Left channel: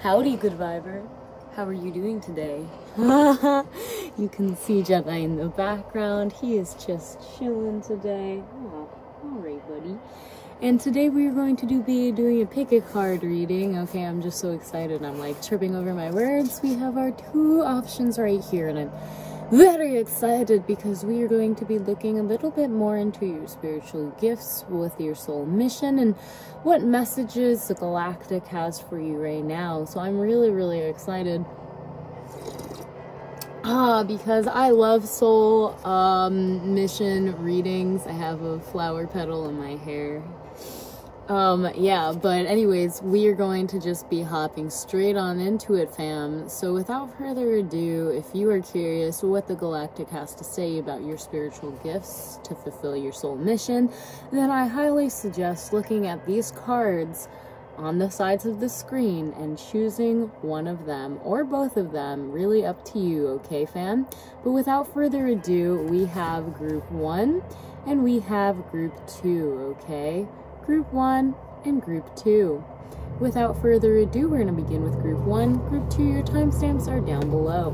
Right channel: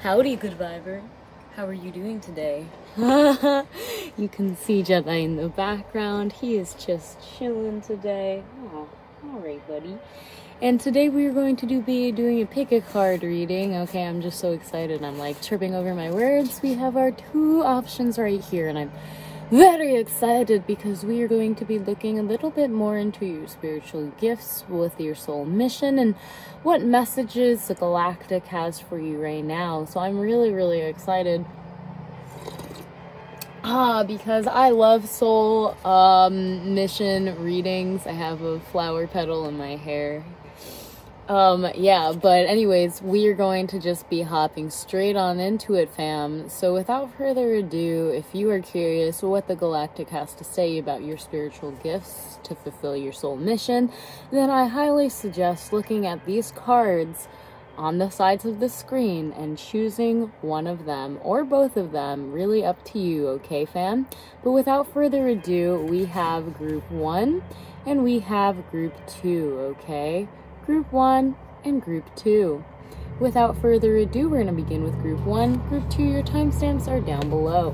Howdy, good viber. How are you doing today? You can see Jedi in the background. He is just chilling today. Oh, all right, buddy. And today we are going to be doing a pick a card reading. Okay, I'm just so excited. I'm like tripping over my words. We have our two options right here, and I'm very excited because we are going to be looking a little bit more into your spiritual gifts with your soul mission and what messages the galactic has for you right now. So I'm really excited because I love soul mission readings. I have a flower petal in my hair. Yeah, but anyways, we are going to just be hopping straight on into it, fam. So without further ado, if you are curious what the galactic has to say about your spiritual gifts to fulfill your soul mission, then I highly suggest looking at these cards on the sides of the screen and choosing one of them or both of them. Really up to you, okay, fam? But without further ado, we have group 1 and we have group 2, okay? Group 1 and Group 2. Without further ado, we're going to begin with Group 1. Group 2, your timestamps are down below.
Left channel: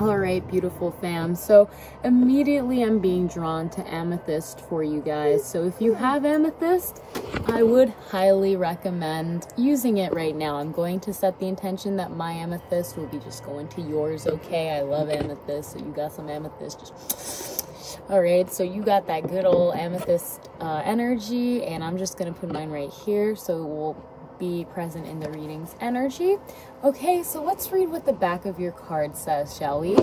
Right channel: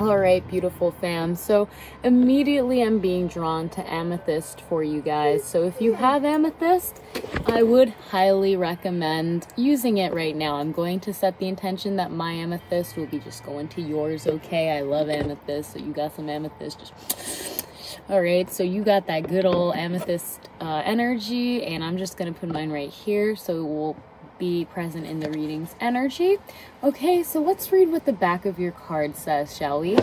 Alright, beautiful fam. So immediately I'm being drawn to amethyst for you guys. So if you have amethyst, I would highly recommend using it right now. I'm going to set the intention that my amethyst will be just going to yours, okay? I love amethyst, so you got some amethyst, just... Alright, so you got that good old amethyst energy, and I'm just going to put mine right here so it will be present in the reading's energy. Okay, so let's read what the back of your card says, shall we?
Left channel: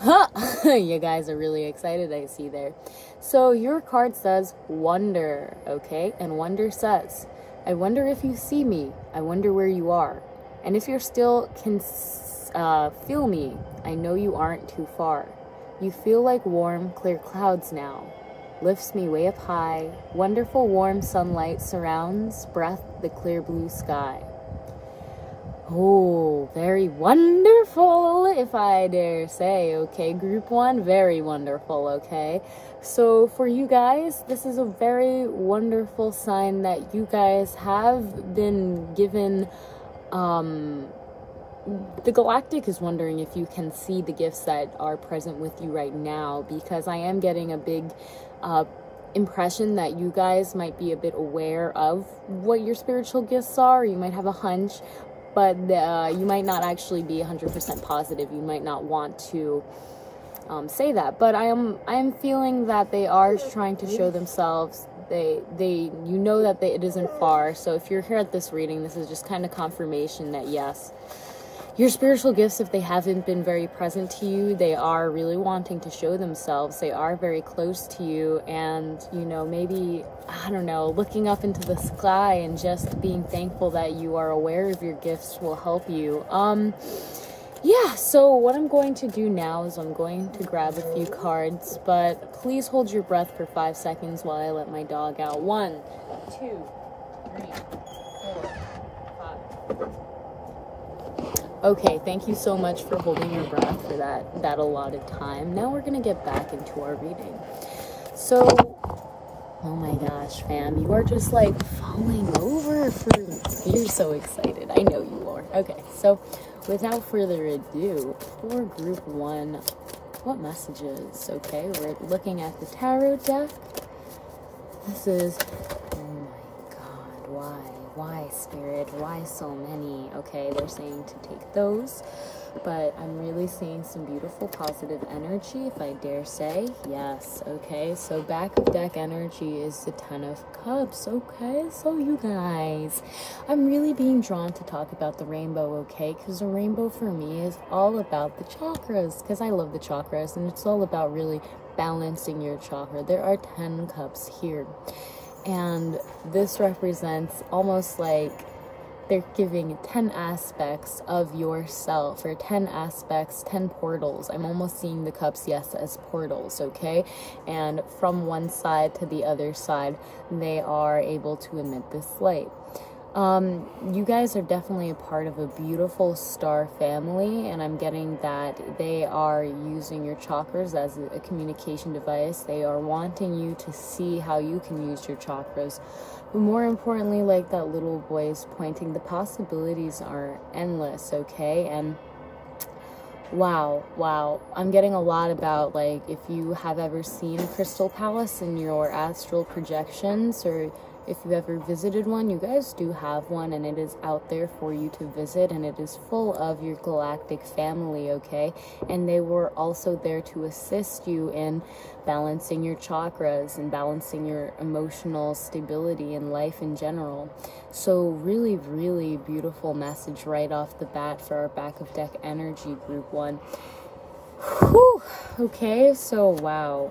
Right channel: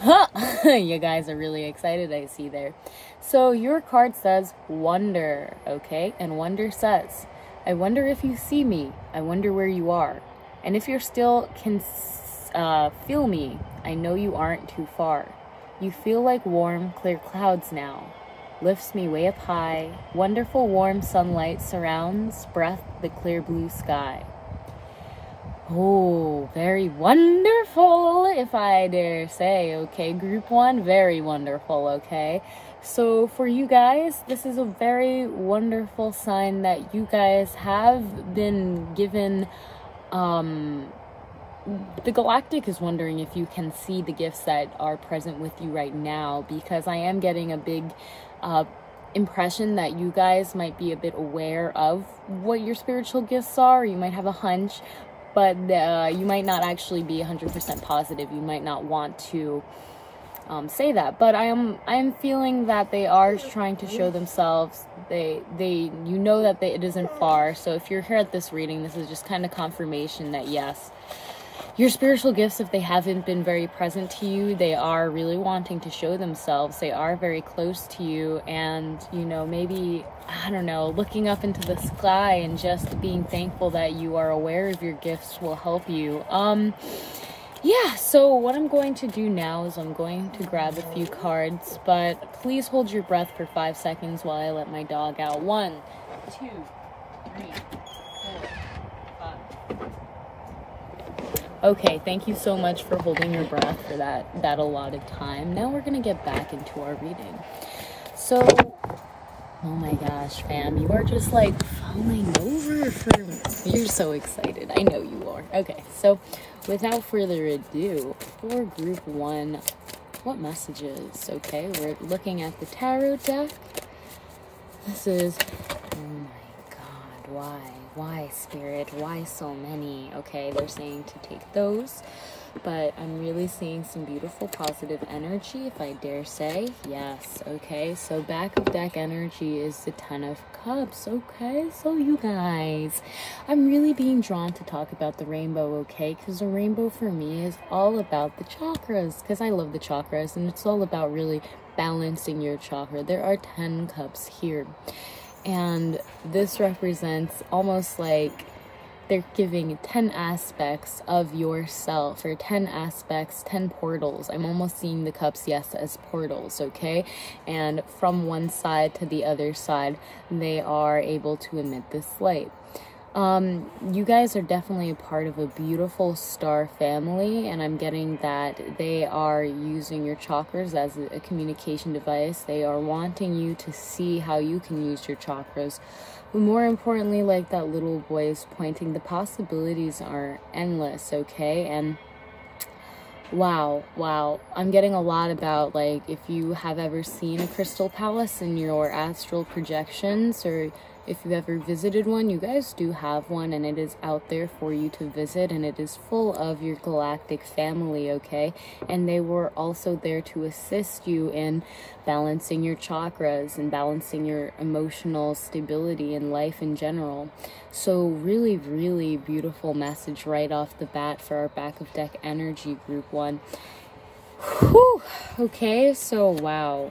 Huh! You guys are really excited, I see there. So your card says wonder, okay? And wonder says, I wonder if you see me. I wonder where you are. And if you're still can feel me, I know you aren't too far. You feel like warm, clear clouds now. Lifts me way up high. Wonderful warm sunlight surrounds, breath the clear blue sky. Oh, very wonderful, if I dare say, okay? Group 1, very wonderful, okay? So for you guys, this is a very wonderful sign that you guys have been given, the galactic is wondering if you can see the gifts that are present with you right now, because I am getting a big impression that you guys might be a bit aware of what your spiritual gifts are. You might have a hunch, but you might not actually be 100% positive. You might not want to say that, but I am feeling that they are trying to show themselves. You know that it isn't far. So if you're here at this reading, this is just kind of confirmation that yes, your spiritual gifts, if they haven't been very present to you, they are really wanting to show themselves. They are very close to you, and, you know, maybe, I don't know, looking up into the sky and just being thankful that you are aware of your gifts will help you. Yeah, so what I'm going to do now is I'm going to grab a few cards, but please hold your breath for 5 seconds while I let my dog out. 1, 2, 3, 4, 5. Okay, thank you so much for holding your breath for that allotted time. Now we're gonna get back into our reading. So, oh my gosh, fam, you are just like falling over for me. You're so excited. I know you are. Okay, so without further ado, for group 1, what messages? Okay, we're looking at the tarot deck. This is, oh my god, why? Why, Spirit? Why so many? Okay, they're saying to take those, but I'm really seeing some beautiful positive energy, if I dare say. Yes, okay, so back of deck energy is the 10 of Cups, okay? So you guys, I'm really being drawn to talk about the rainbow, okay? Because the rainbow for me is all about the chakras, because I love the chakras, and it's all about really balancing your chakra. There are 10 cups here. And this represents almost like they're giving 10 aspects of yourself, or 10 aspects, 10 portals. I'm almost seeing the cups, yes, as portals, okay? And from one side to the other side, they are able to emit this light. You guys are definitely a part of a beautiful star family, and I'm getting that they are using your chakras as a communication device. They are wanting you to see how you can use your chakras But more importantly, like that little boy is pointing, the possibilities are endless, okay? And wow, I'm getting a lot about, like, if you have ever seen a crystal palace in your astral projections, or if you've ever visited one, you guys do have one, and it is out there for you to visit, and it is full of your galactic family, okay? And they were also there to assist you in balancing your chakras and balancing your emotional stability in life in general. So really, really beautiful message right off the bat for our back of deck energy group 1. Whew. Okay, so wow.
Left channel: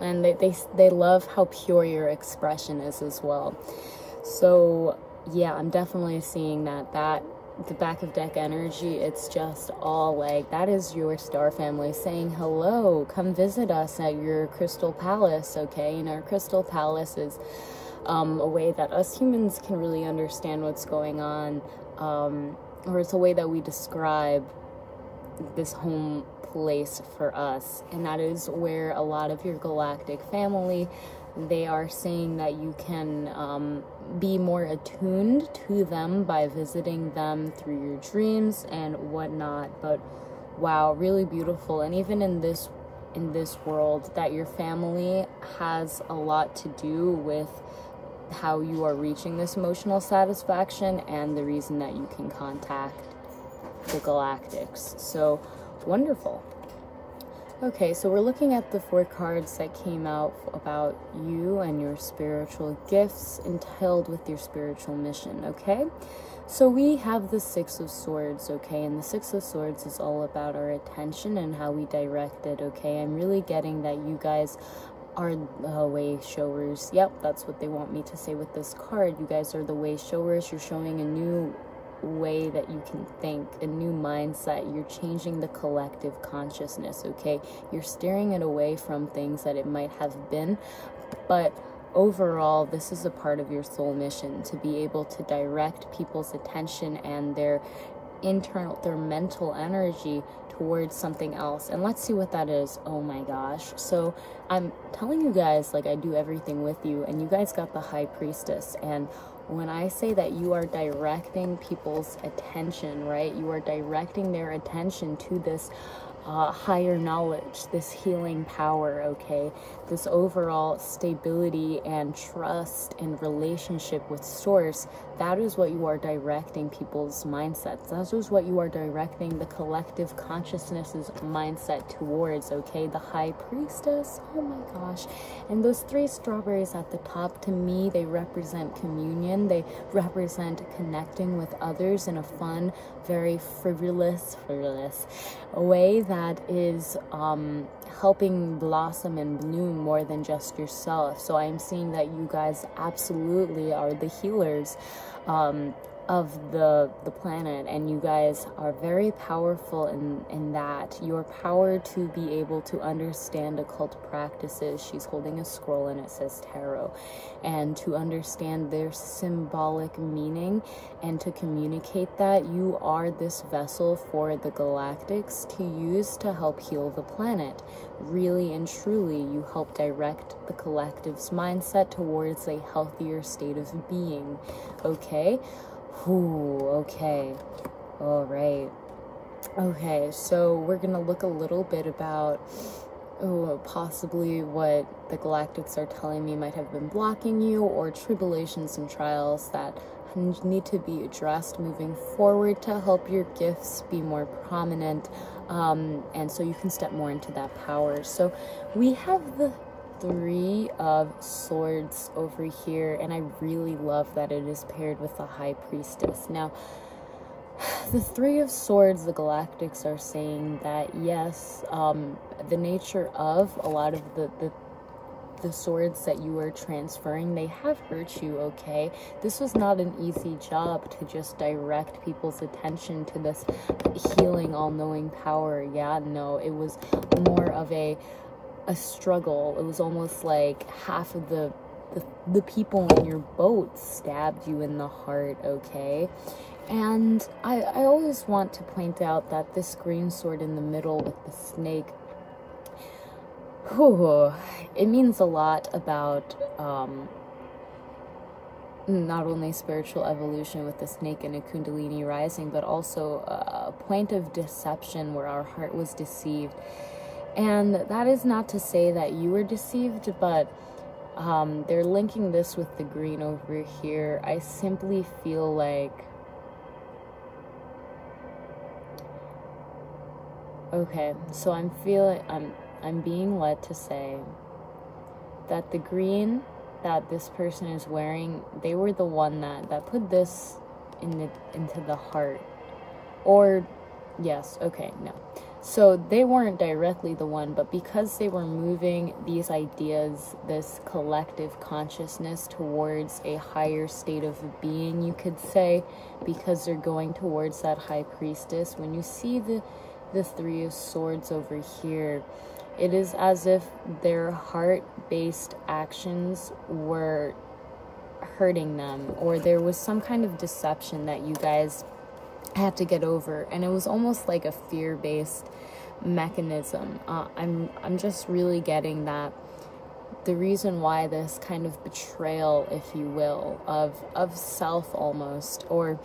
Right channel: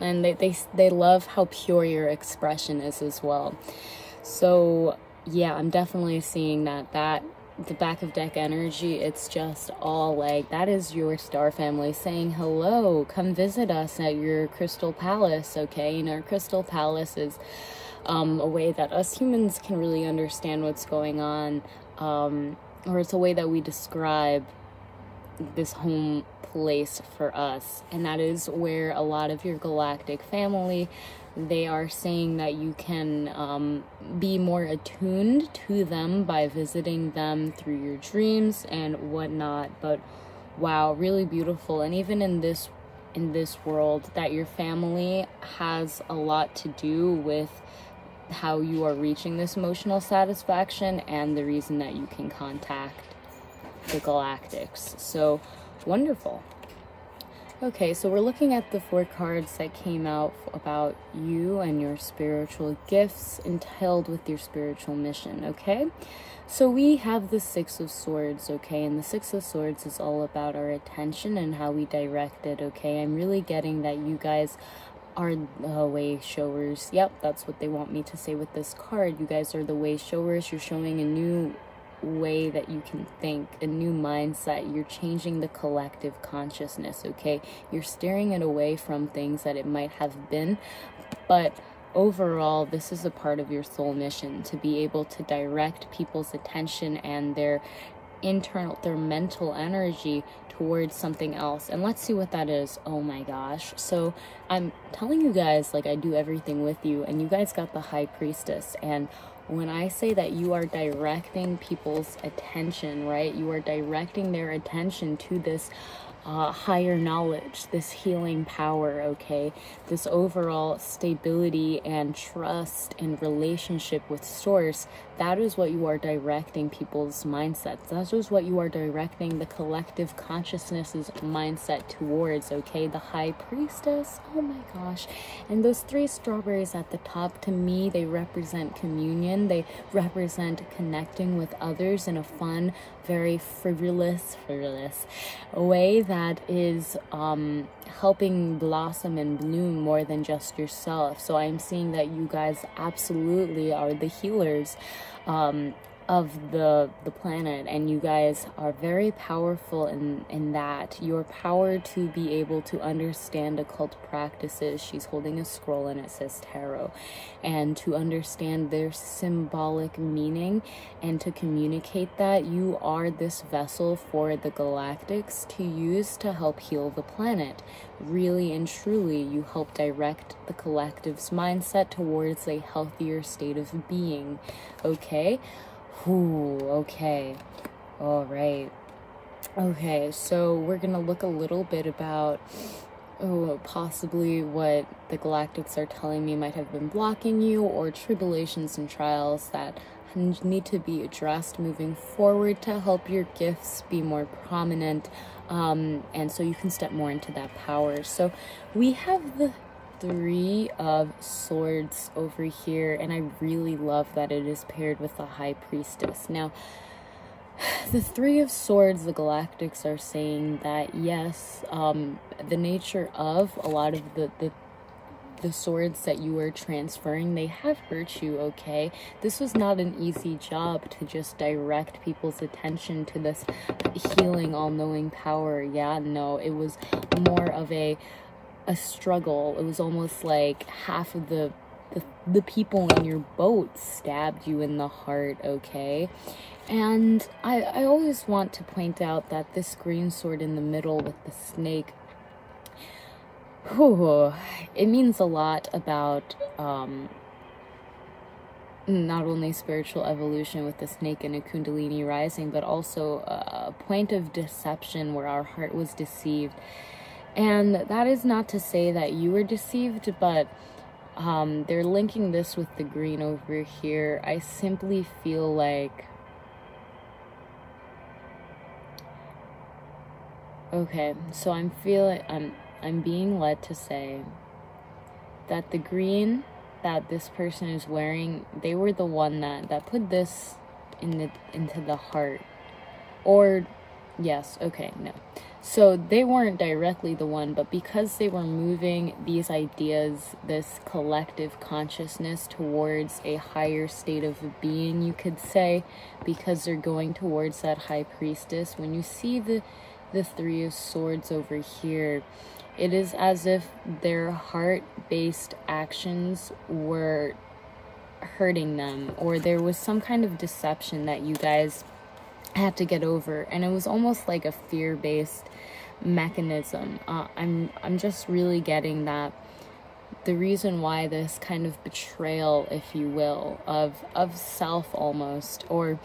And they love how pure your expression is as well. So yeah, I'm definitely seeing that the back of deck energy, it's just all like, that is your star family saying hello, come visit us at your crystal palace, okay? And our crystal palace is a way that us humans can really understand what's going on, or it's a way that we describe this home place for us, and that is where a lot of your galactic family, they are saying that you can be more attuned to them by visiting them through your dreams and whatnot. But wow, really beautiful. And even in this world, that your family has a lot to do with how you are reaching this emotional satisfaction and the reason that you can contact the galactics. So wonderful. Okay, so we're looking at the 4 cards that came out about you and your spiritual gifts entailed with your spiritual mission, okay? So we have the 6 of Swords, okay? And the 6 of Swords is all about our attention and how we direct it, okay? I'm really getting that you guys are the way showers. Yep, that's what they want me to say with this card. You guys are the way showers. You're showing a new way that you can think, a new mindset. You're changing the collective consciousness, okay? You're steering it away from things that it might have been, but overall, this is a part of your soul mission, to be able to direct people's attention and their mental energy towards something else. And let's see what that is. Oh my gosh. So I'm telling you guys, like, I do everything with you, and you guys got the High Priestess. And when I say that you are directing people's attention, right? You are directing their attention to this higher knowledge, this healing power, okay? This overall stability and trust and relationship with Source. That is what you are directing people's mindsets. That is what you are directing the collective consciousness's mindset towards, okay? The High Priestess, oh my gosh. And those 3 strawberries at the top, to me, they represent communion. They represent connecting with others in a fun, very frivolous way that is helping blossom and bloom more than just yourself. So I'm seeing that you guys absolutely are the healers of the planet, and you guys are very powerful in that. Your power to be able to understand occult practices. She's holding a scroll and it says tarot, and to understand their symbolic meaning and to communicate that. You are this vessel for the galactics to use to help heal the planet. Really and truly, you help direct the collective's mindset towards a healthier state of being, okay? Ooh, okay. All right. Okay, so we're gonna look a little bit about possibly what the galactics are telling me might have been blocking you, or tribulations and trials that need to be addressed moving forward to help your gifts be more prominent, and so you can step more into that power. So we have the 3 of Swords over here, and I really love that it is paired with the High Priestess. Now, the 3 of Swords, the galactics are saying that yes, the nature of a lot of the swords that you are transferring, they have hurt you, okay? This was not an easy job to just direct people's attention to this healing, all-knowing power. Yeah, no, it was more of a struggle. It was almost like half of the people in your boat stabbed you in the heart, okay? And I always want to point out that this green sword in the middle with the snake, Whew, it means a lot about not only spiritual evolution with the snake and a kundalini rising, but also a point of deception where our heart was deceived. And that is not to say that you were deceived, but they're linking this with the green over here. I simply feel like, okay, so I'm being led to say that the green that this person is wearing, they were the one that put this into the heart. Or yes, okay, no. So they weren't directly the one, but because they were moving these ideas, this collective consciousness towards a higher state of being, you could say, because they're going towards that high priestess. When you see the Three of Swords over here, it is as if their heart-based actions were hurting them, or there was some kind of deception that you guys had to get over, and it was almost like a fear-based mechanism. I'm just really getting that the reason why this kind of betrayal, if you will, of self almost, or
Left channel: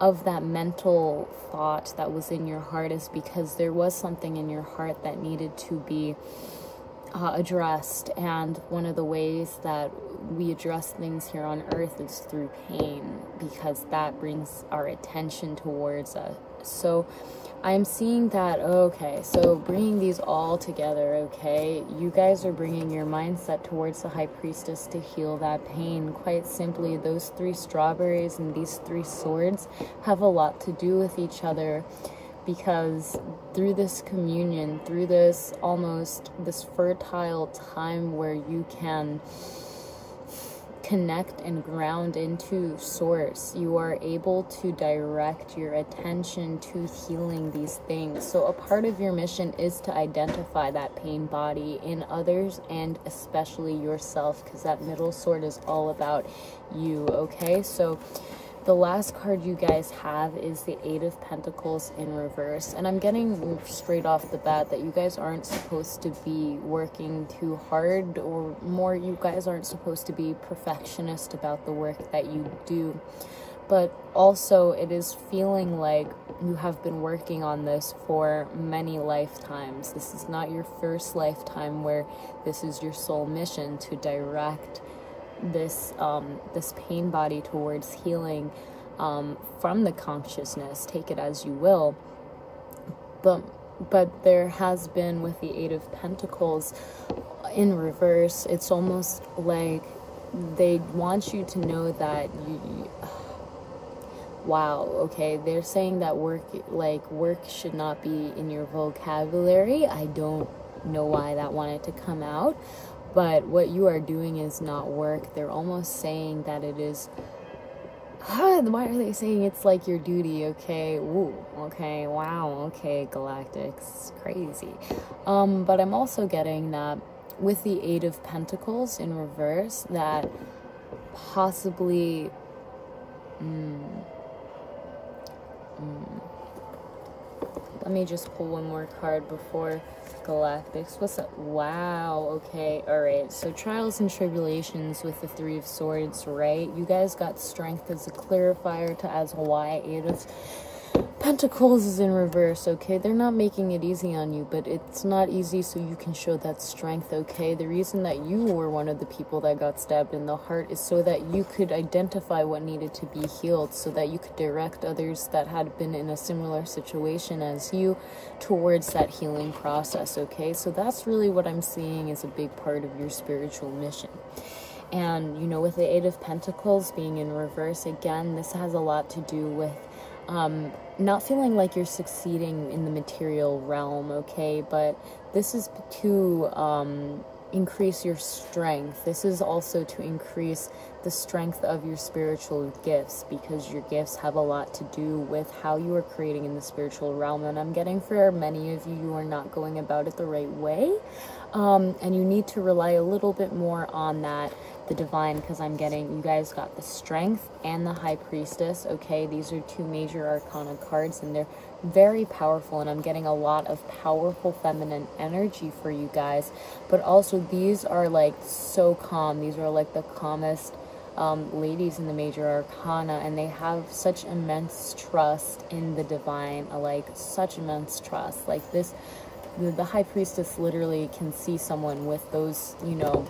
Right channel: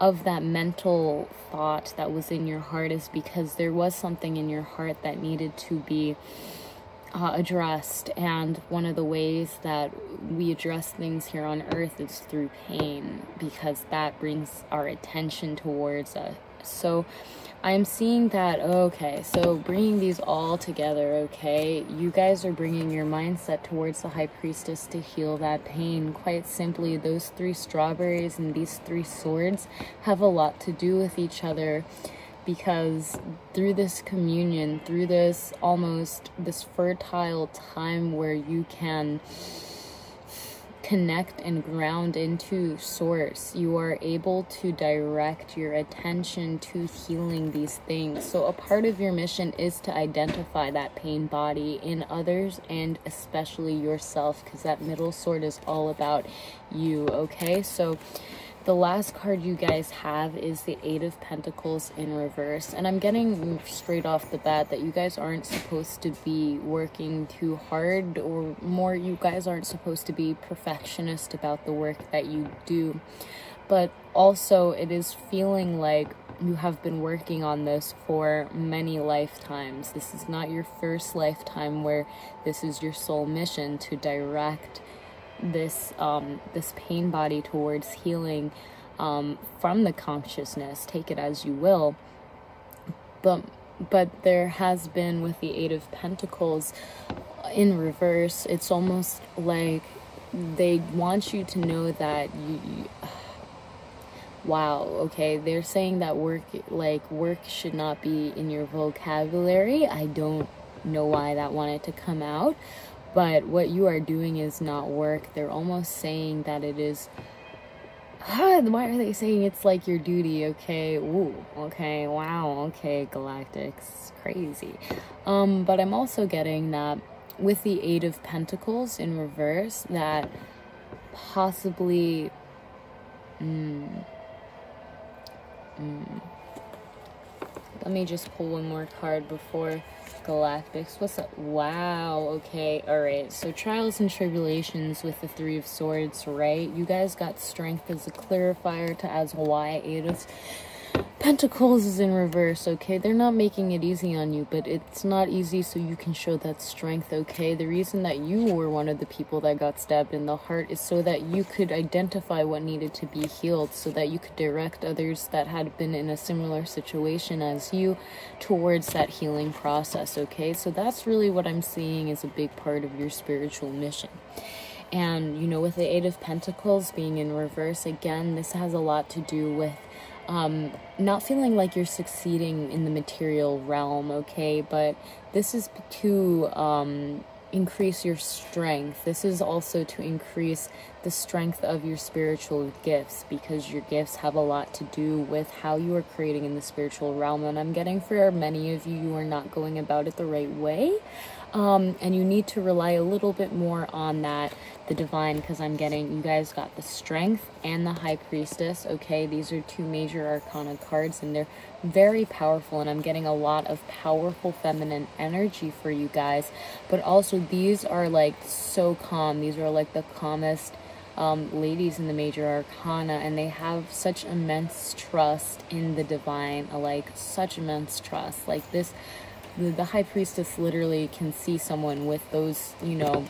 of that mental thought that was in your heart, is because there was something in your heart that needed to be addressed. And one of the ways that we address things here on earth is through pain, because that brings our attention towards us. So I'm seeing that, okay, so bringing these all together, okay, you guys are bringing your mindset towards the high priestess to heal that pain. Quite simply, those 3 strawberries and these 3 swords have a lot to do with each other, because through this communion, through this almost this fertile time where you can connect and ground into source, you are able to direct your attention to healing these things. So a part of your mission is to identify that pain body in others, and especially yourself, because that middle sword is all about you. Okay, so the last card you guys have is the 8 of Pentacles in reverse. And I'm getting straight off the bat that you guys aren't supposed to be working too hard, or more, you guys aren't supposed to be perfectionist about the work that you do. But also, it is feeling like you have been working on this for many lifetimes. This is not your first lifetime where this is your sole mission, to direct this pain body towards healing from the consciousness. Take it as you will, but there has been, with the 8 of Pentacles in reverse, it's almost like they want you to know that you wow, okay, they're saying that work should not be in your vocabulary. I don't know why that wanted to come out, but what you are doing is not work. They're almost saying that it is, why are they saying it's like your duty? Okay, ooh, okay, wow, okay, Galactics, crazy. But I'm also getting that with the 8 of Pentacles in reverse, that possibly, let me just pull one more card before Galactics. What's up? Wow, okay, alright. So trials and tribulations with the 3 of Swords, right? You guys got strength as a clarifier to as why 8 of Pentacles is in reverse, okay? They're not making it easy on you, but it's not easy so you can show that strength, okay? The reason that you were one of the people that got stabbed in the heart is so that you could identify what needed to be healed, so that you could direct others that had been in a similar situation as you towards that healing process, okay? So that's really what I'm seeing is a big part of your spiritual mission. And, you know, with the 8 of Pentacles being in reverse, again, this has a lot to do with not feeling like you're succeeding in the material realm, okay? But this is to increase your strength. This is also to increase the strength of your spiritual gifts, because your gifts have a lot to do with how you are creating in the spiritual realm. And I'm getting, for many of you, you are not going about it the right way. And you need to rely a little bit more on that the divine, because I'm getting, you guys got the Strength and the High Priestess, okay? These are 2 major arcana cards, and they're very powerful, and I'm getting a lot of powerful feminine energy for you guys. But also, these are like so calm. These are like the calmest ladies in the major arcana, and they have such immense trust in the divine, like such immense trust. Like this, the High Priestess literally can see someone with those, you know,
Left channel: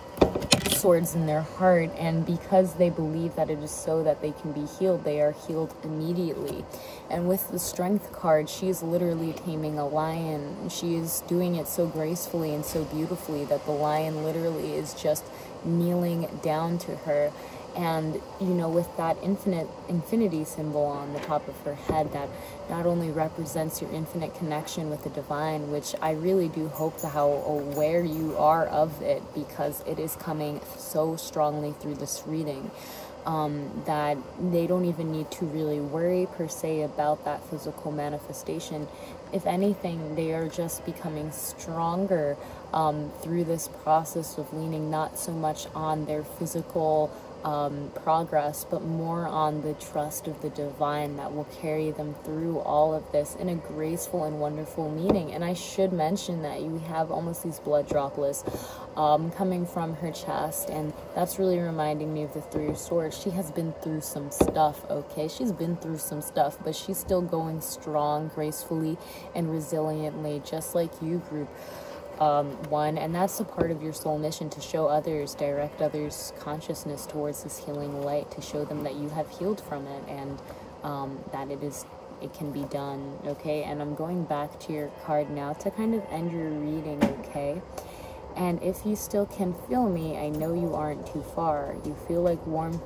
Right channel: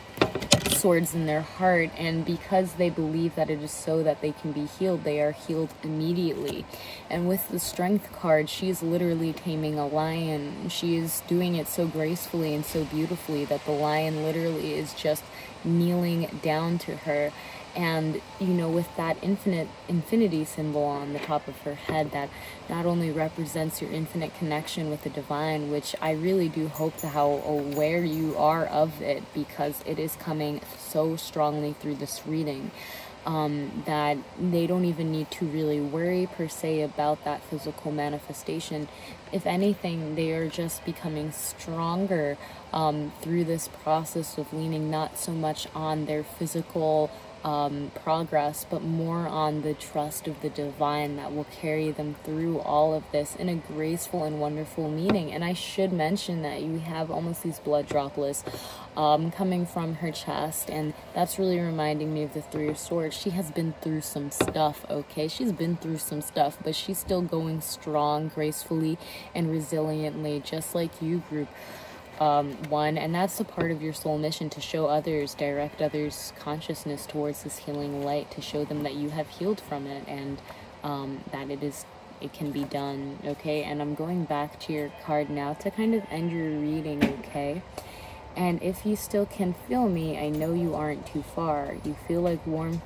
swords in their heart, and because they believe that it is so that they can be healed, they are healed immediately. And with the Strength card, she is literally taming a lion. She is doing it so gracefully and so beautifully that the lion literally is just kneeling down to her. And, you know, with that infinity symbol on the top of her head, that not only represents your infinite connection with the divine, which I really do hope to how aware you are of it, because it is coming so strongly through this reading, that they don't even need to really worry per se about that physical manifestation. If anything, they are just becoming stronger through this process of leaning not so much on their physical progress, but more on the trust of the divine that will carry them through all of this in a graceful and wonderful meaning. And I should mention that you have almost these blood droplets coming from her chest, and that's really reminding me of the 3 of Swords. She has been through some stuff, okay? She's been through some stuff, but she's still going strong, gracefully, and resiliently, just like you, group 1. And that's a part of your soul mission, to show others, direct others' consciousness towards this healing light, to show them that you have healed from it, and that it can be done, okay? And I'm going back to your card now to kind of end your reading, okay? And if you still can feel me, I know you aren't too far. You feel like warm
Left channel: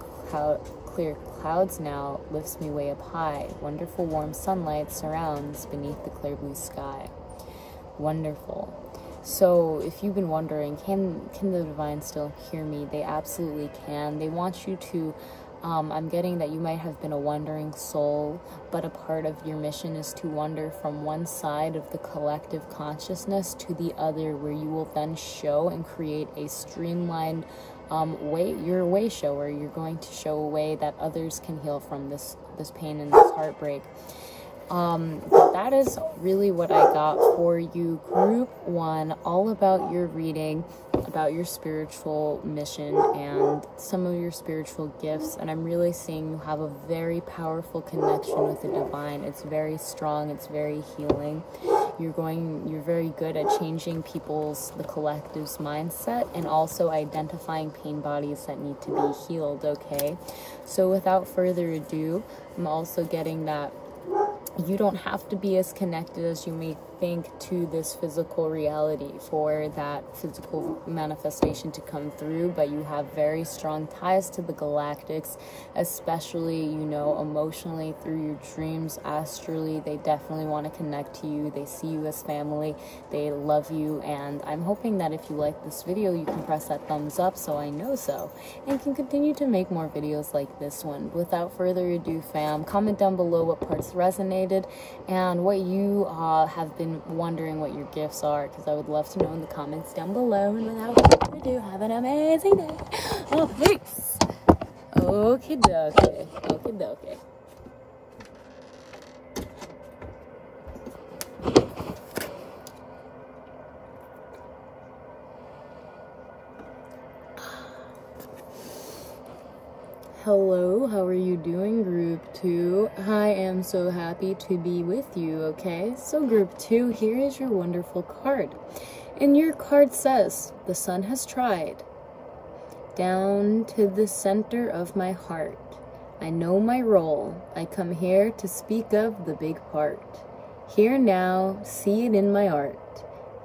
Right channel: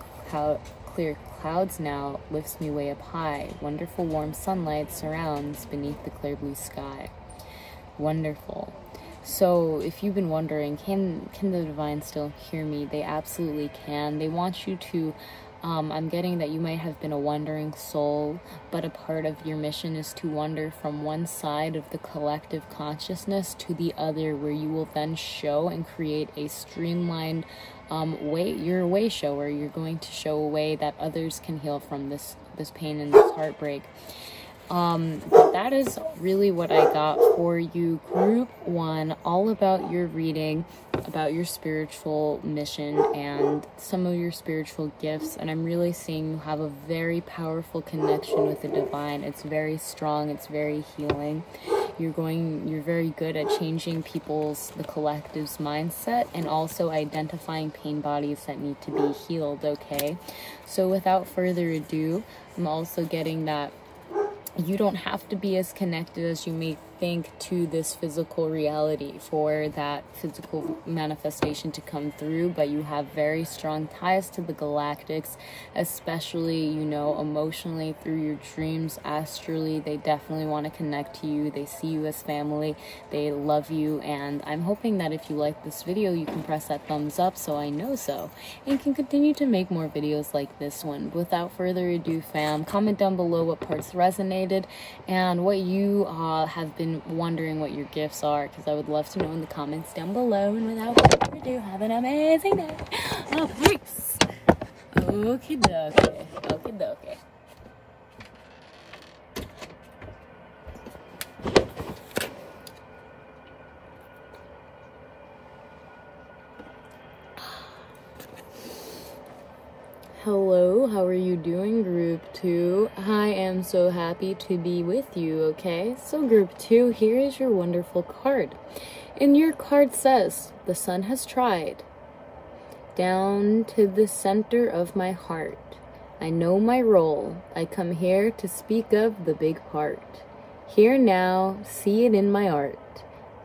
clear clouds now, lifts me way up high. Wonderful warm sunlight surrounds beneath the clear blue sky. Wonderful. So if you've been wondering, can the divine still hear me? They absolutely can. They want you to, I'm getting that you might have been a wandering soul, but a part of your mission is to wander from one side of the collective consciousness to the other, where you will then show and create a streamlined way. You're a way shower. You're going to show a way that others can heal from this pain and this heartbreak. But that is really what I got for you, group 1, all about your reading, about your spiritual mission and some of your spiritual gifts. And I'm really seeing you have a very powerful connection with the divine. It's very strong. It's very healing. You're very good at changing the collective's mindset, and also identifying pain bodies that need to be healed, okay? So without further ado, I'm also getting that you don't have to be as connected as you may think to this physical reality for that physical manifestation to come through, but you have very strong ties to the galactics, especially, you know, emotionally, through your dreams, astrally. They definitely want to connect to you. They see you as family. They love you, and I'm hoping that if you like this video, you can press that thumbs up so I know so, and can continue to make more videos like this one. Without further ado, fam, comment down below what parts resonated and what you have been wondering what your gifts are, because I would love to know in the comments down below. And without further ado, have an amazing day. Oh, peace. Okie dokie. Okie dokie. Hello, how are you doing, group 2? I am so happy to be with you, okay? So group 2, here is your wonderful card. And your card says, the sun has tried. Down to the center of my heart. I know my role. I come here to speak of the big part. Here now, see it in my art.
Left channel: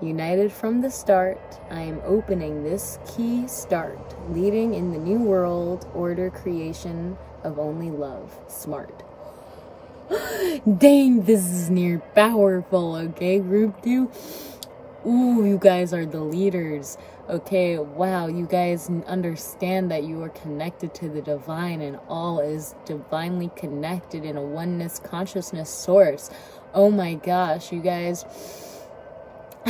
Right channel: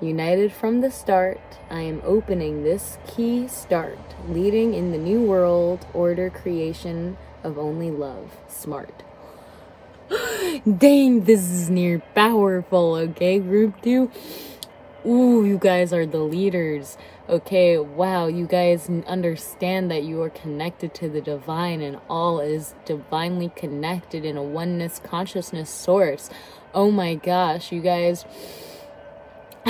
United from the start, I am opening this key start, leading in the new world order creation of only love. Smart. Dang, this is near powerful, okay, group 2? Ooh, you guys are the leaders. Okay, wow, you guys understand that you are connected to the divine, and all is divinely connected in a oneness consciousness source. Oh my gosh, you guys,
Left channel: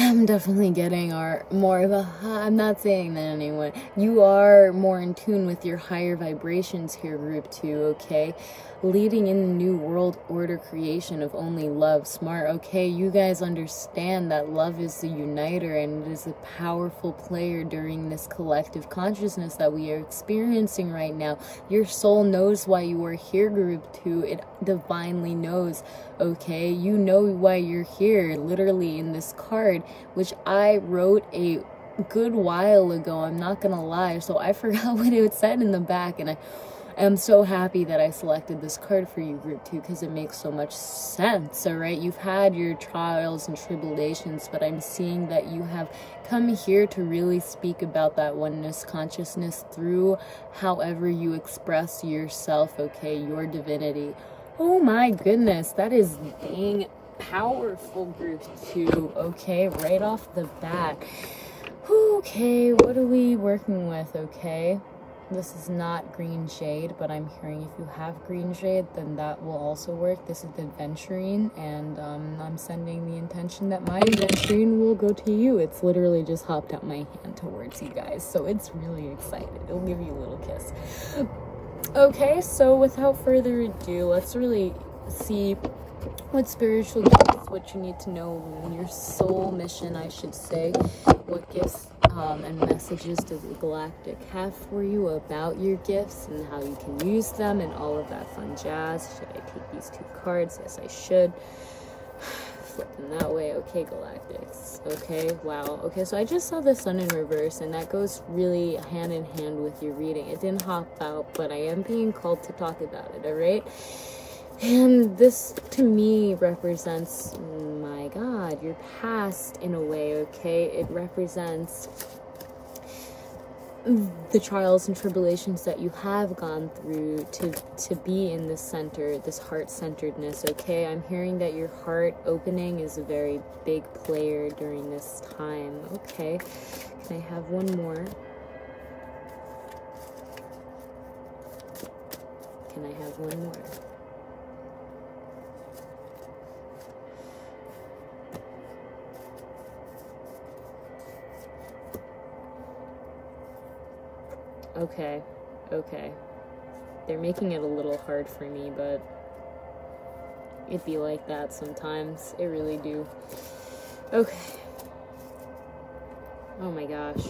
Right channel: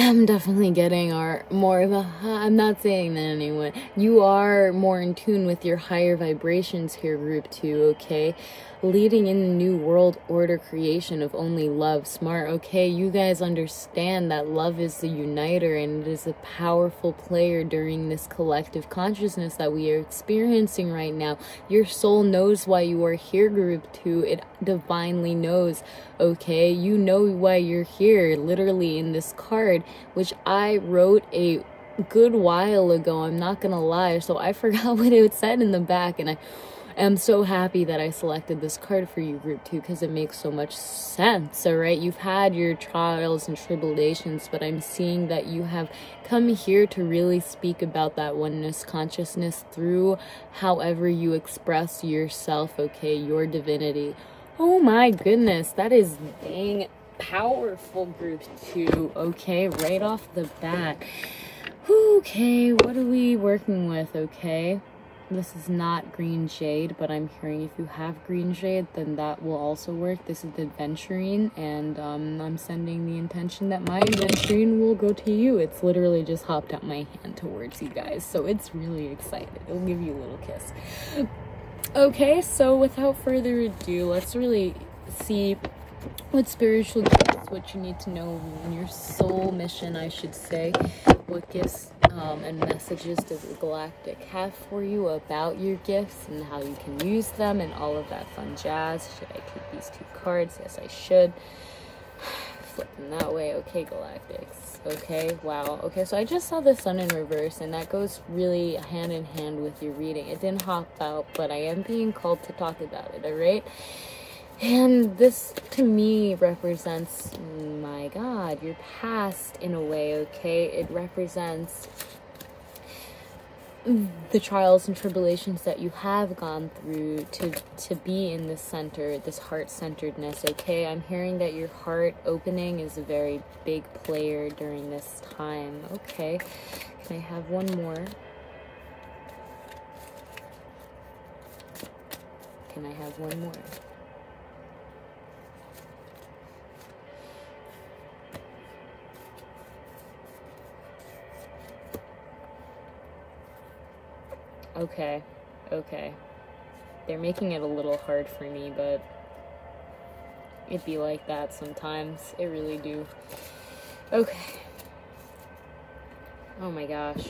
I'm definitely getting I'm not saying that anyone. You are more in tune with your higher vibrations here, group 2, okay? Leading in the new world order creation of only love, smart, okay? You guys understand that love is the uniter and it is a powerful player during this collective consciousness that we are experiencing right now. Your soul knows why you are here, group 2. It divinely knows, okay? You know why you're here, literally in this card, which I wrote a good while ago, I'm not gonna lie, so I forgot what it said in the back, and I'm so happy that I selected this card for you, group 2, because it makes so much sense, alright? You've had your trials and tribulations, but I'm seeing that you have come here to really speak about that oneness consciousness through however you express yourself, okay? Your divinity. Oh my goodness, that is dang powerful, group 2, okay? Right off the bat. Okay, what are we working with, okay? This is not green shade, but I'm hearing if you have green shade, then that will also work. This is adventuring, and I'm sending the intention that my adventuring will go to you. It's literally just hopped out my hand towards you guys, so it's really excited. It'll give you a little kiss. Okay, so without further ado, let's really see what spiritual gifts, what you need to know in your soul mission, I should say. What gifts and messages does the Galactic have for you about your gifts and how you can use them and all of that fun jazz. Should I keep these 2 cards? Yes, I should. Flipping that way. Okay, Galactics. Okay, wow. Okay, so I just saw the sun in reverse, and that goes really hand in hand with your reading. It didn't hop out, but I am being called to talk about it, alright? And this, to me, represents, my God, your past in a way, okay? It represents the trials and tribulations that you have gone through to be in this center, this heart-centeredness, okay? I'm hearing that your heart opening is a very big player during this time, okay? Can I have one more? Can I have one more? Okay, okay. They're making it a little hard for me, but it'd be like that sometimes. It really do. Okay. Oh my gosh.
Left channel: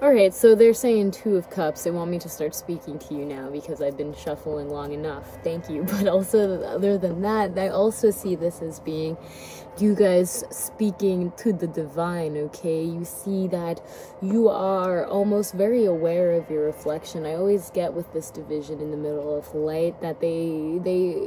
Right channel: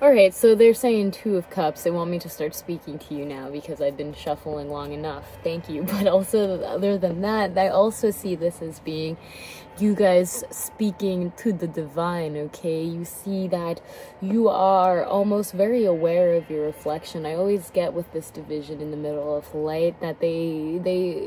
Alright, so they're saying 2 of Cups. They want me to start speaking to you now because I've been shuffling long enough. Thank you. But also, other than that, I also see this as being you guys speaking to the divine, okay? You see that you are almost very aware of your reflection. I always get with this division in the middle of light that they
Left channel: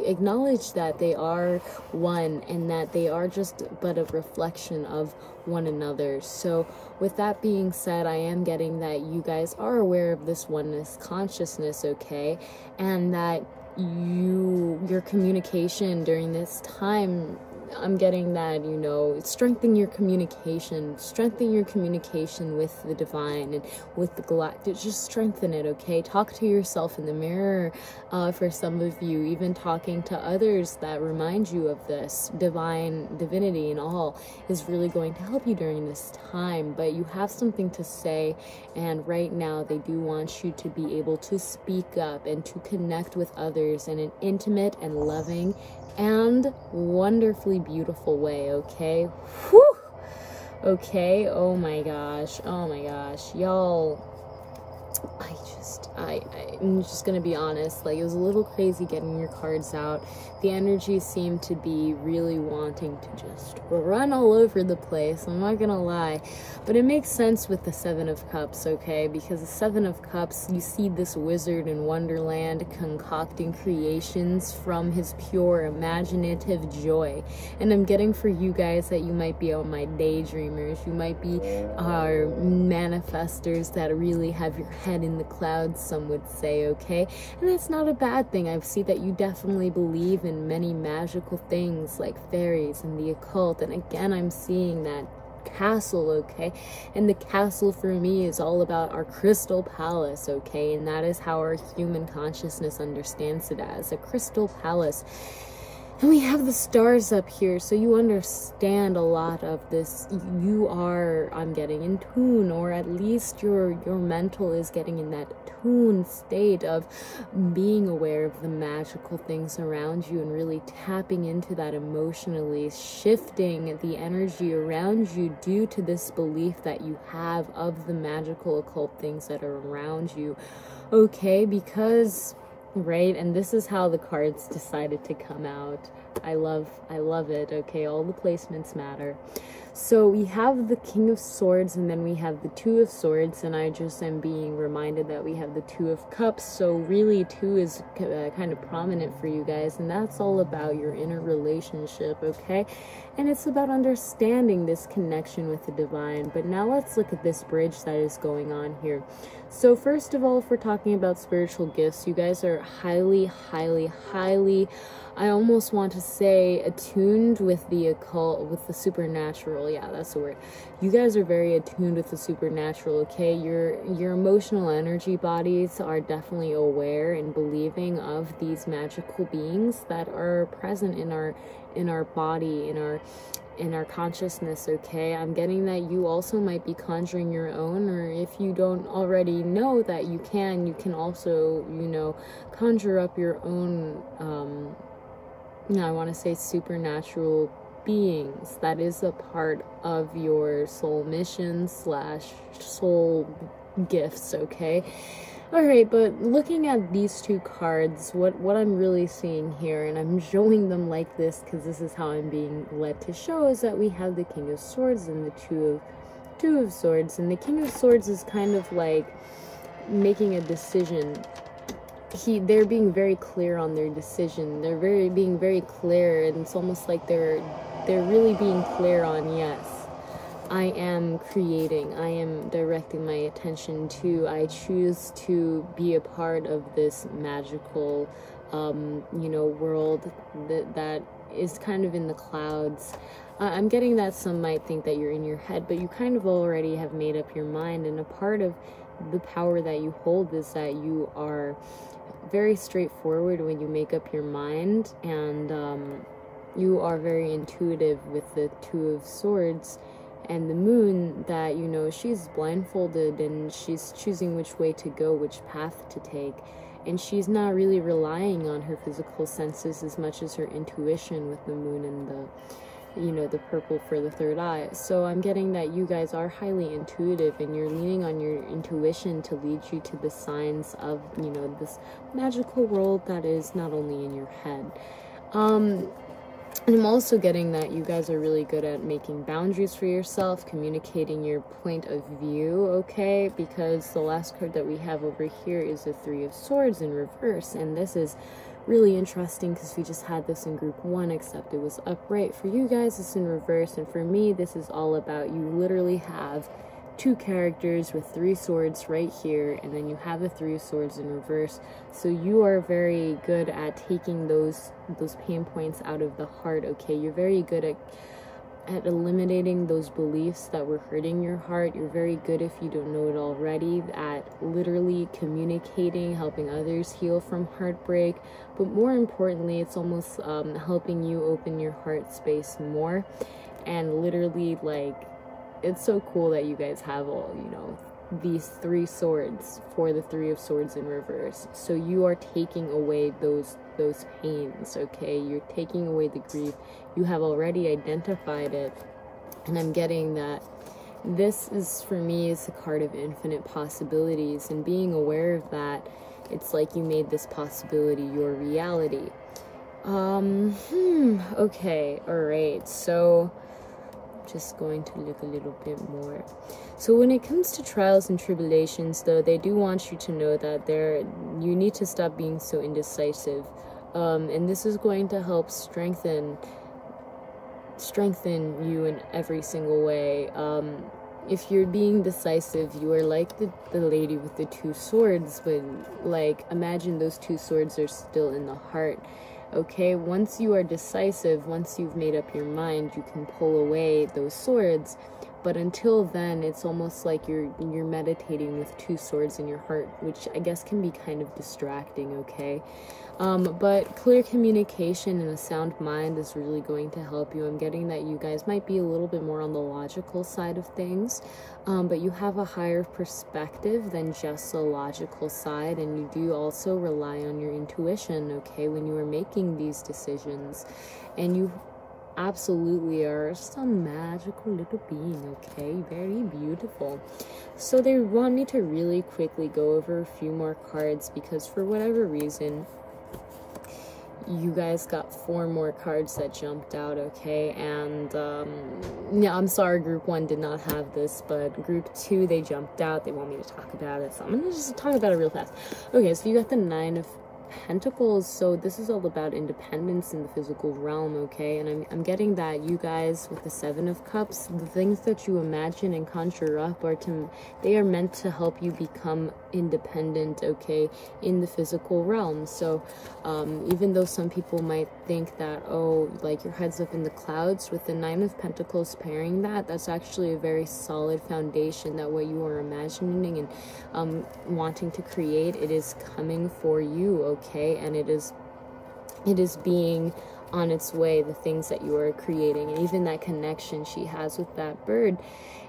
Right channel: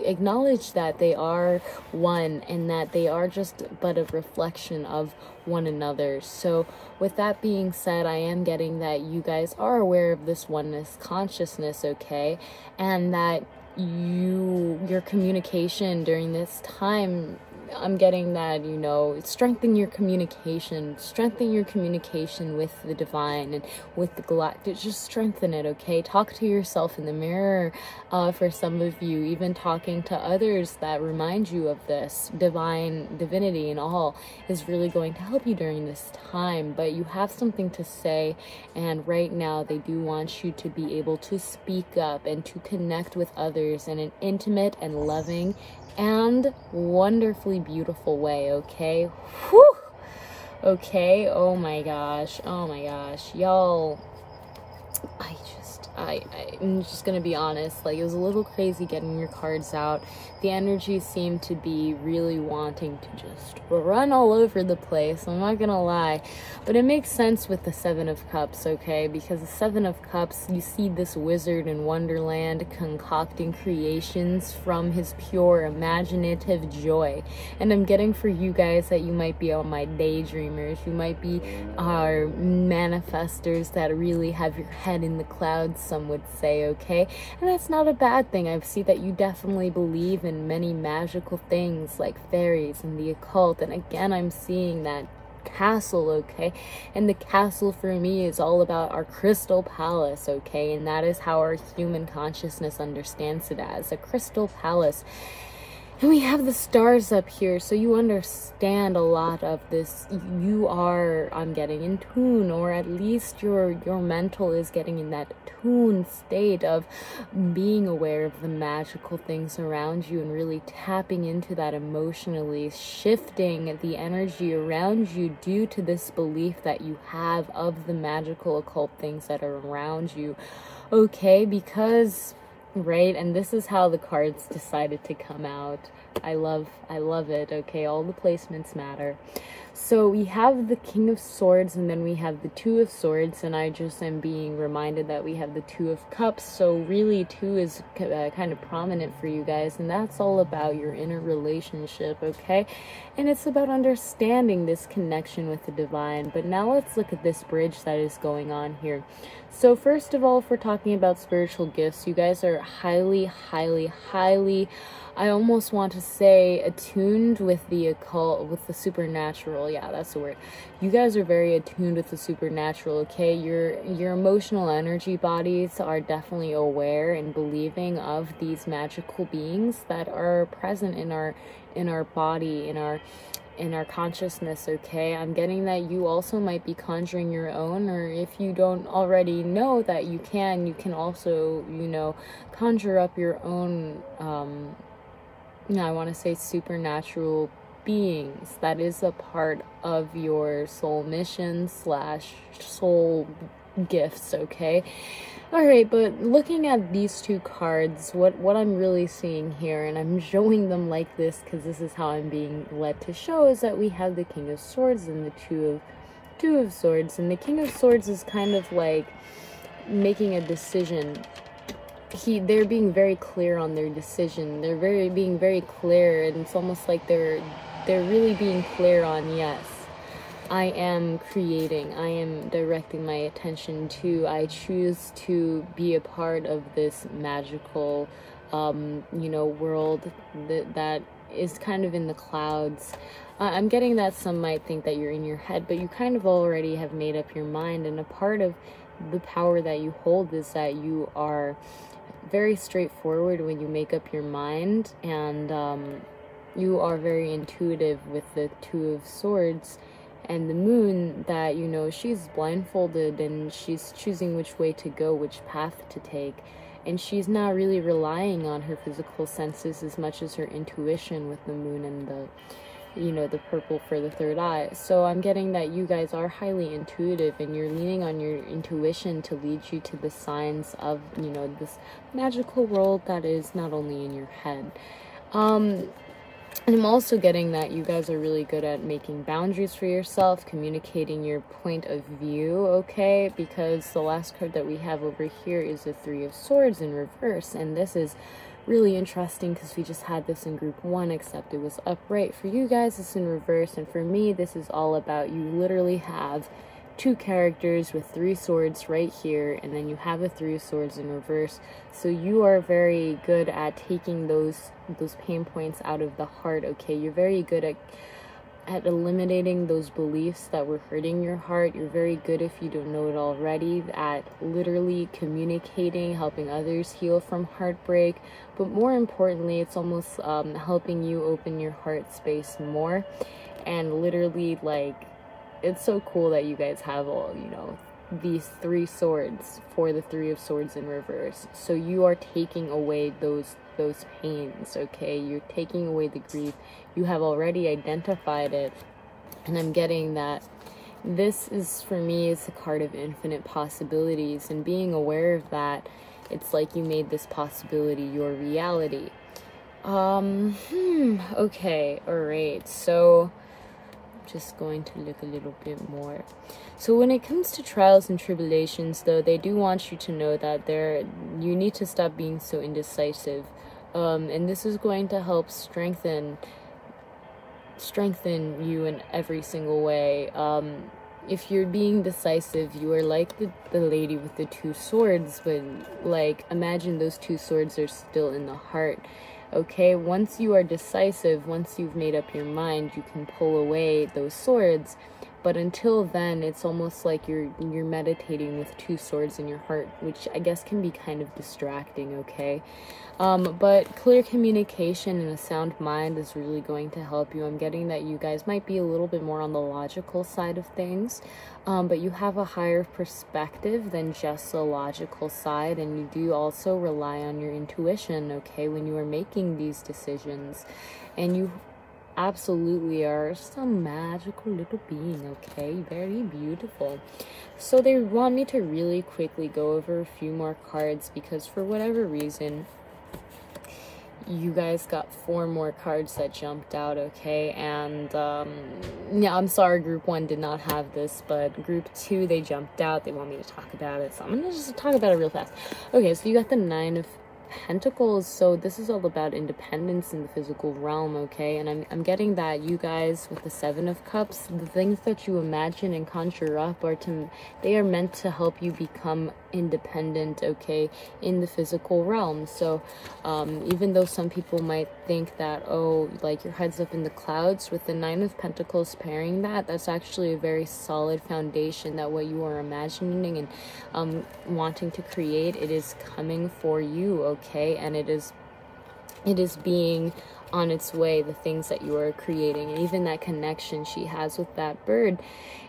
acknowledge that they are one and that they are just but a reflection of one another. So with that being said, I am getting that you guys are aware of this oneness consciousness, okay? And that your communication during this time, I'm getting that, you know, strengthen your communication with the divine and with the galactic. Just strengthen it, okay? Talk to yourself in the mirror. For some of you, even talking to others that remind you of this divinity and all is really going to help you during this time. But you have something to say, and right now they do want you to be able to speak up and to connect with others in an intimate and loving and wonderfully beautiful way, okay? Whew! Okay, oh my gosh, y'all, I'm just gonna be honest, like, it was a little crazy getting your cards out. The energy seemed to be really wanting to just run all over the place, I'm not gonna lie. But it makes sense with the 7 of Cups, okay? Because the 7 of Cups, you see this wizard in Wonderland concocting creations from his pure imaginative joy. And I'm getting for you guys that you might be on my daydreamers, you might be our manifestors that really have your head in the clouds, some would say, okay? And that's not a bad thing. I see that you definitely believe in many magical things like fairies and the occult, and again I'm seeing that castle, okay? And the castle for me is all about our crystal palace, okay? And that is how our human consciousness understands it as a crystal palace. And we have the stars up here, so you understand a lot of this. You are, I'm getting, in tune, or at least your mental is getting in that tune state of being aware of the magical things around you and really tapping into that emotionally, shifting the energy around you due to this belief that you have of the magical occult things that are around you. Okay, because... right, and this is how the cards decided to come out. I love it. Okay, all the placements matter. So we have the King of Swords, and then we have the Two of Swords, and I just am being reminded that we have the Two of Cups. So really, two is kind of prominent for you guys, and that's all about your inner relationship, okay? And it's about understanding this connection with the divine. But now let's look at this bridge that is going on here. So first of all, if we're talking about spiritual gifts, you guys are highly, I almost want to say attuned with the occult, with the supernatural. Yeah, that's the word. You guys are very attuned with the supernatural, okay? Your emotional energy bodies are definitely aware and believing of these magical beings that are present in our body, in our consciousness, okay? I'm getting that you also might be conjuring your own, or if you don't already know that you can also, you know, conjure up your own, I want to say supernatural beings. That is a part of your soul mission / soul gifts, okay? Alright, but looking at these two cards, what I'm really seeing here, and I'm showing them like this because this is how I'm being led to show, is that we have the King of Swords and the Two of Swords. And the King of Swords is kind of like making a decision. They're being very clear on their decision. They're being very clear, and it's almost like they're really being clear on, yes, I am creating, I am directing my attention to, I choose to be a part of this magical, you know, world that is kind of in the clouds. I'm getting that some might think that you're in your head, but you kind of already have made up your mind, and a part of the power that you hold is that you are very straightforward when you make up your mind, and you are very intuitive with the Two of Swords. And the moon, that, you know, she's blindfolded and she's choosing which way to go, which path to take. And she's not really relying on her physical senses as much as her intuition with the moon and the, you know, the purple for the third eye. So I'm getting that you guys are highly intuitive, and you're leaning on your intuition to lead you to the signs of, you know, this magical world that is not only in your head. And I'm also getting that you guys are really good at making boundaries for yourself, communicating your point of view, okay? Because the last card that we have over here is the Three of Swords in reverse, and this is really interesting because we just had this in group 1, except it was upright. For you guys, it's in reverse, and for me, this is all about, you literally have two characters with 3 swords right here, and then you have the 3 swords in reverse. So you are very good at taking those pain points out of the heart, okay? You're very good at eliminating those beliefs that were hurting your heart. You're very good, if you don't know it already, at literally communicating, helping others heal from heartbreak. But more importantly, it's almost helping you open your heart space more, and literally, like, it's so cool that you guys have all, you know, these 3 swords for the Three of Swords in reverse. So you are taking away those pains, okay? You're taking away the grief. You have already identified it, and I'm getting that this is, for me, is a card of infinite possibilities, and being aware of that, it's like you made this possibility your reality. Okay, alright, so just going to look a little bit more. So when it comes to trials and tribulations, though, they do want you to know that you need to stop being so indecisive, and this is going to help strengthen you in every single way. If you're being decisive, you are like the lady with the 2 swords, but, like, imagine those 2 swords are still in the heart. Okay, once you are decisive, once you've made up your mind, you can pull away those swords. But until then, it's almost like you're meditating with 2 swords in your heart, which I guess can be kind of distracting, okay? But clear communication and a sound mind is really going to help you. I'm getting that you guys might be a little bit more on the logical side of things, but you have a higher perspective than just the logical side, and you do also rely on your intuition, okay, when you are making these decisions. And you absolutely are some magical little being, okay? Very beautiful. So they want me to really quickly go over a few more cards because for whatever reason, you guys got 4 more cards that jumped out, okay? And yeah, I'm sorry group 1 did not have this, but group 2, they jumped out. They want me to talk about it, so I'm gonna just talk about it real fast. Okay, so you got the 9 of Pentacles. So this is all about independence in the physical realm, okay? And I'm getting that you guys with the 7 of Cups, the things that you imagine and conjure up they are meant to help you become independent, okay, in the physical realm. So even though some people might think that, oh, like your head's up in the clouds, with the 9 of Pentacles pairing that's actually a very solid foundation that what you are imagining and wanting to create, it is coming for you, okay? And it is being on its way, the things that you are creating. And even that connection she has with that bird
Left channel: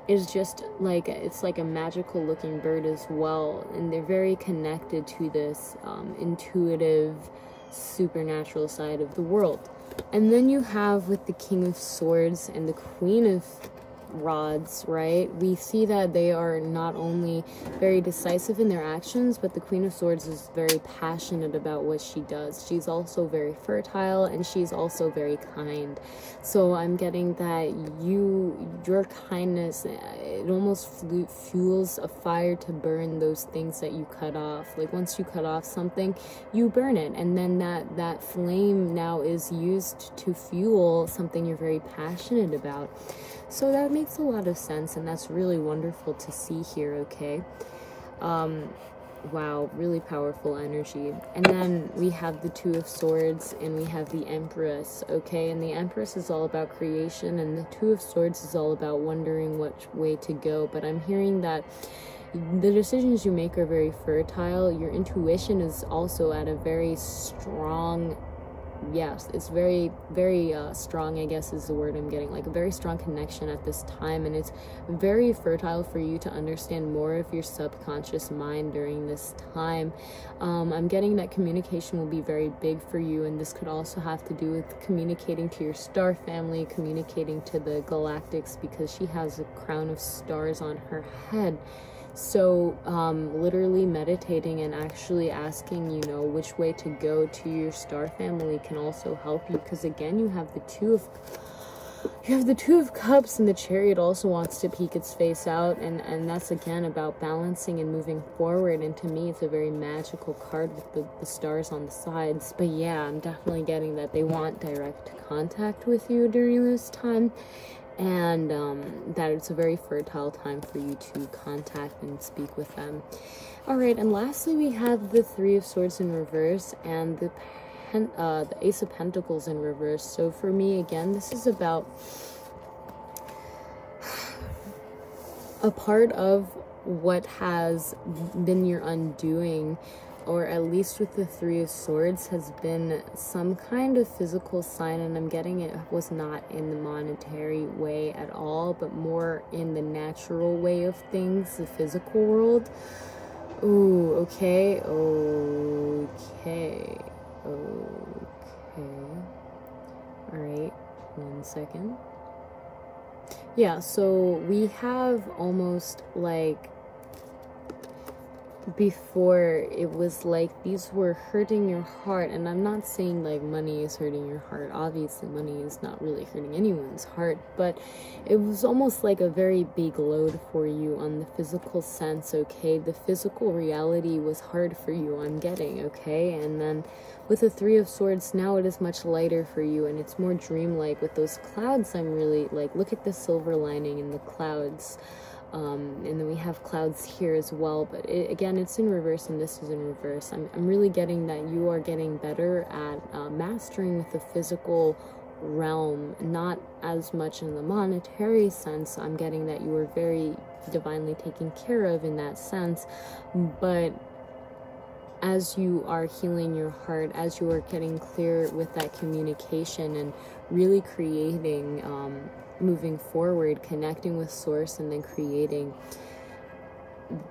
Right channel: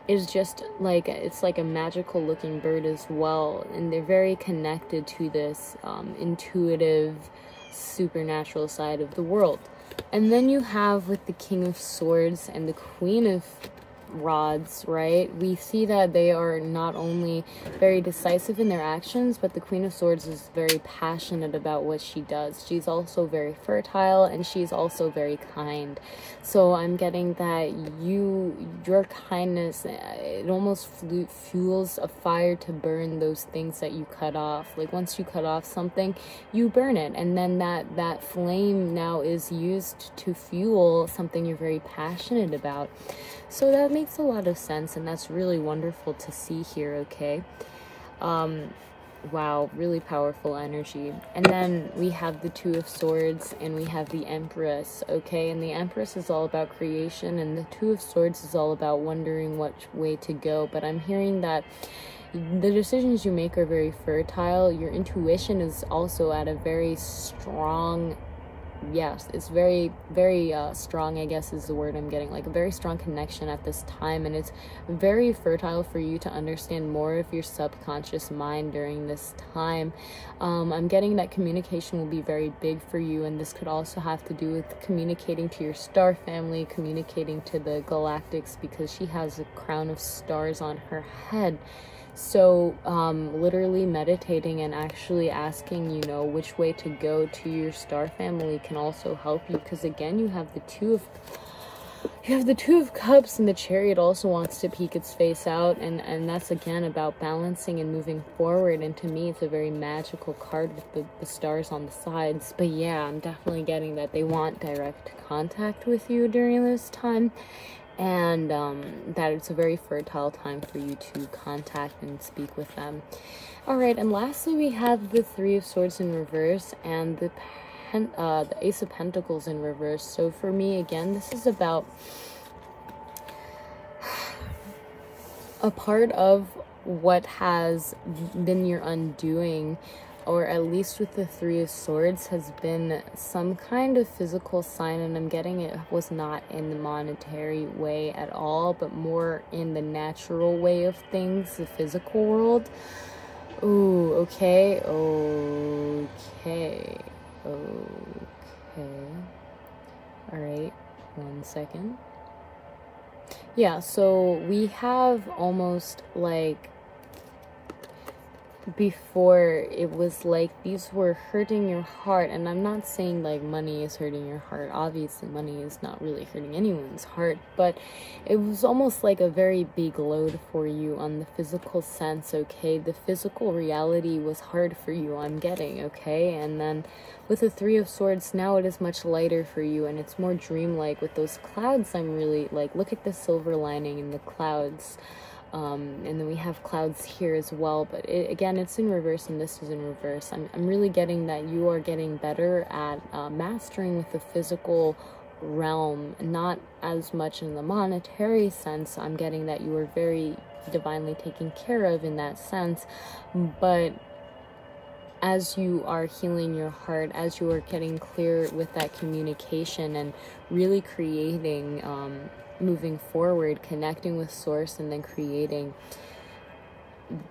is just like, it's like a magical looking bird as well, and they're very connected to this intuitive supernatural side of the world. And then you have with the King of Swords and the Queen of Rods, right? We see that they are not only very decisive in their actions, but the Queen of Swords is very passionate about what she does. She's also very fertile, and she's also very kind. So I'm getting that your kindness, it almost fuels a fire to burn those things that you cut off. Like once you cut off something, you burn it, and then that flame now is used to fuel something you're very passionate about. So that makes a lot of sense, and that's really wonderful to see here, okay? Wow, really powerful energy. And then we have the 2 of Swords, and we have the Empress, okay? And the Empress is all about creation, and the 2 of Swords is all about wondering which way to go. But I'm hearing that the decisions you make are very fertile. Your intuition is also at a very strong, yes, it's very strong, I guess is the word I'm getting, like a very strong connection at this time, and it's very fertile for you to understand more of your subconscious mind during this time. I'm getting that communication will be very big for you, and this could also have to do with communicating to your star family, communicating to the galactics, because she has a crown of stars on her head. So literally meditating and actually asking, you know, which way to go to your star family can also help you, because again, you have the 2 of Cups, and the Chariot also wants to peek its face out, and that's again about balancing and moving forward. And to me, it's a very magical card with the stars on the sides. But yeah, I'm definitely getting that they want direct contact with you during this time, and that it's a very fertile time for you to contact and speak with them. All right, and lastly, we have the 3 of Swords in reverse and the Ace of Pentacles in reverse. So for me, again, this is about a part of what has been your undoing, or at least with the 3 of Swords, has been some kind of physical sign, and I'm getting it was not in the monetary way at all, but more in the natural way of things, the physical world. Ooh, okay. Alright, 1 second. Yeah, so we have almost like, before it was like these were hurting your heart, and I'm not saying like money is hurting your heart. Obviously money is not really hurting anyone's heart, but it was almost like a very big load for you on the physical sense, okay? The physical reality was hard for you, I'm getting, okay? And then with the 3 of Swords, now it is much lighter for you, and it's more dreamlike. With those clouds, I'm really like, look at the silver lining in the clouds. And then we have clouds here as well, but again, it's in reverse, and this is in reverse. I'm really getting that you are getting better at mastering with the physical realm, not as much in the monetary sense. I'm getting that you are very divinely taken care of in that sense, but as you are healing your heart, as you are getting clear with that communication and really creating, moving forward, connecting with source and then creating,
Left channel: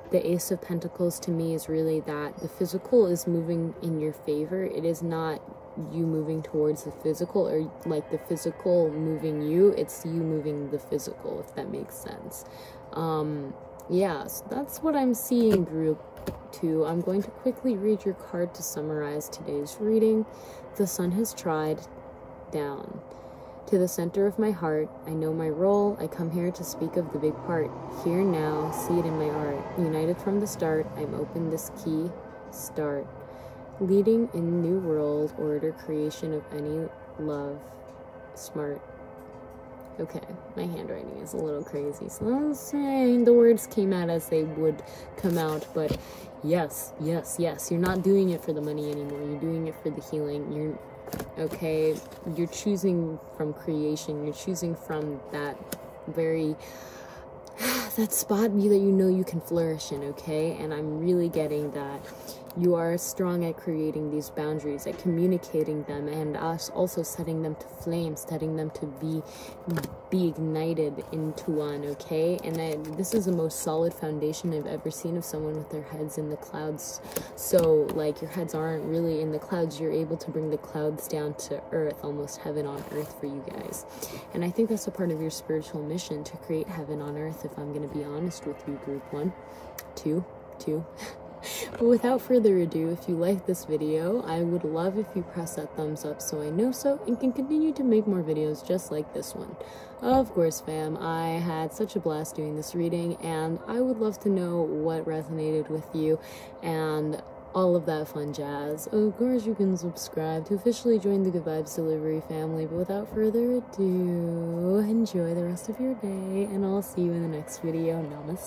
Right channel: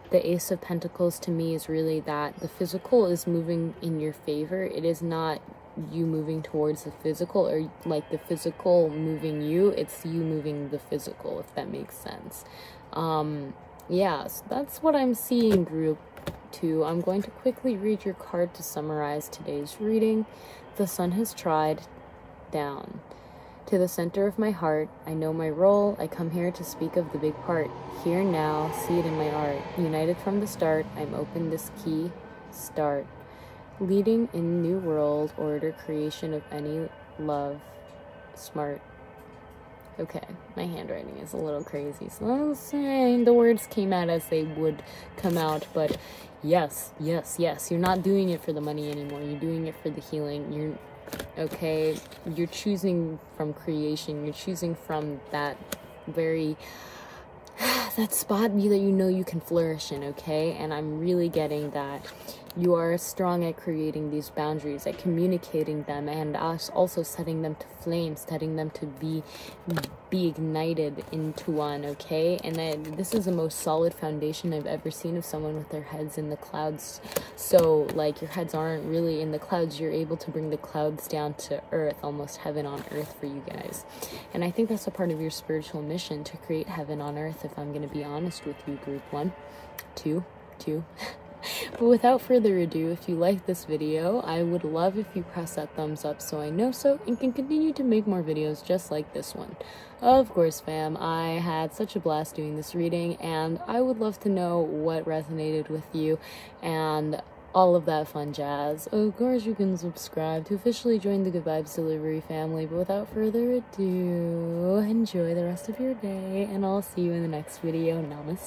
the Ace of Pentacles to me is really that the physical is moving in your favor. It is not you moving towards the physical or like the physical moving you. It's you moving the physical, if that makes sense. Yeah, so that's what I'm seeing, group 2. I'm going to quickly read your card to summarize today's reading. The sun has tried down. To the center of my heart, I know my role. I come here to speak of the big part. Here now, see it in my art. United from the start, I'm open this key. Start. Leading in new world order, creation of any love. Smart. Okay, my handwriting is a little crazy, so I was saying the words came out as they would come out, but yes, you're not doing it for the money anymore. You're doing it for the healing. You're choosing from creation. You're choosing from that that spot that you know you can flourish in, okay? And I'm really getting that you are strong at creating these boundaries, at communicating them, and also setting them to flame, setting them to be ignited into one, okay? And this is the most solid foundation I've ever seen of someone with their heads in the clouds. So, like, your heads aren't really in the clouds. You're able to bring the clouds down to earth, almost heaven on earth for you guys. And I think that's a part of your spiritual mission, to create heaven on earth, if I'm going to be honest with you, group 1, 2. But without further ado, if you like this video, I would love if you press that thumbs up so I know so and can continue to make more videos just like this one. Of course, fam, I had such a blast doing this reading, and I would love to know what resonated with you and all of that fun jazz. Of course, you can subscribe to officially join the Good Vibes Delivery family, but without further ado, enjoy the rest of your day, and I'll see you in the next video. Namaste.